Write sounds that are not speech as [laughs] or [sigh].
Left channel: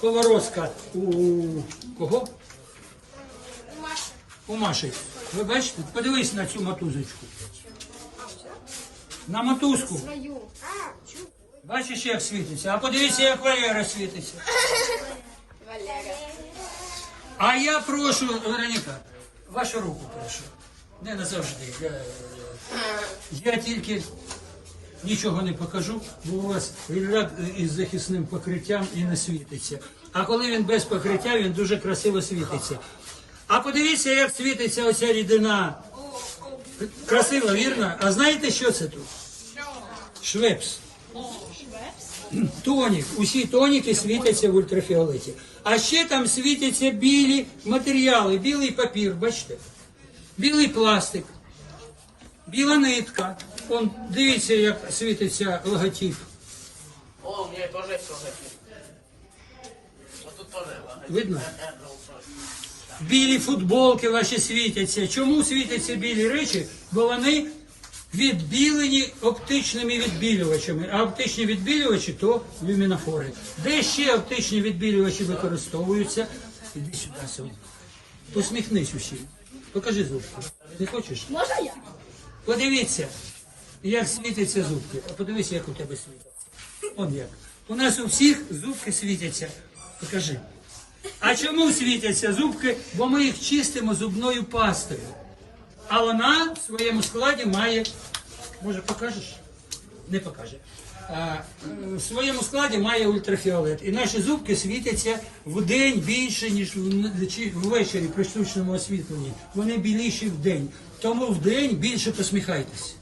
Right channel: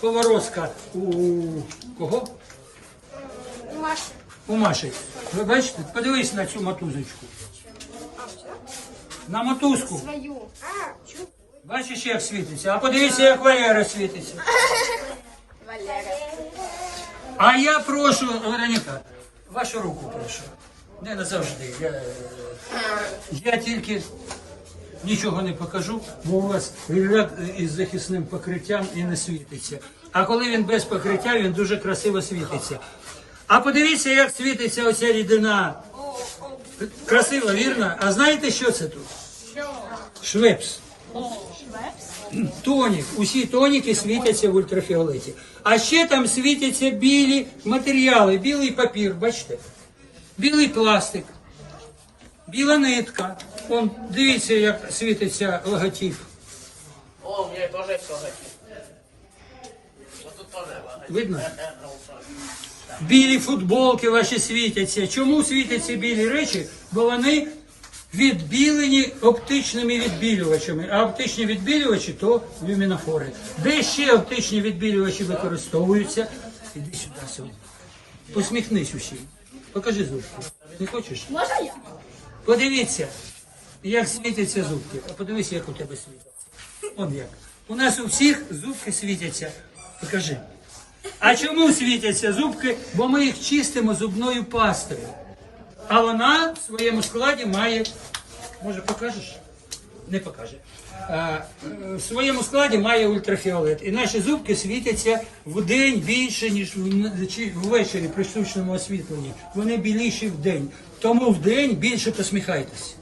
поворозка у кого? У Маша. У Маші. Ви бачите? Подивись на цю мотузочку. На мотузку. Бачиш, як світиться. А подивися, як Валера світиться. [laughs] А я прошу, Вероніка, вашу руку прошу. Не назавжди. Я, я тільки нічого не покажу, бо у вас ряд із захисним покриттям і не світиться. А коли він без покриття, він дуже красиво світиться. А подивіться, як світиться оця рідина. Красиво, вірно? А знаєте, що це тут? Швепс. Тонік. Усі тоніки світяться в ультрафіолеті. А ще там світяться білі матеріали, білий папір, бачите? Білий пластик, біла нитка. Он, дивіться, як світиться логотип. О, тут тоже лагать. Видно? Білі футболки ваші світяться. Чому світяться білі речі? Бо вони відбілені оптичними відбілювачами. А оптичні відбілювачі то люмінофори. Де ще оптичні відбілювачі використовуються? Іди сюди сьогодні. Посміхнись усім. Покажи зубки. Не хочеш? Можна я? Подивіться, як світяться зубки. А подивися, як у тебе світяться. Он як. У нас у всіх зубки світяться. Покажи. А чому світяться зубки? Бо ми їх чистимо зубною пастою. А вона в своєму складі має. Може, покажеш? Не покаже. А, е, в своєму складі має ультрафіолет. І наші зубки світяться в день більше, ніж ввечері при штучному освітленні. Вони біліші в день. Тому в день більше посміхайтеся.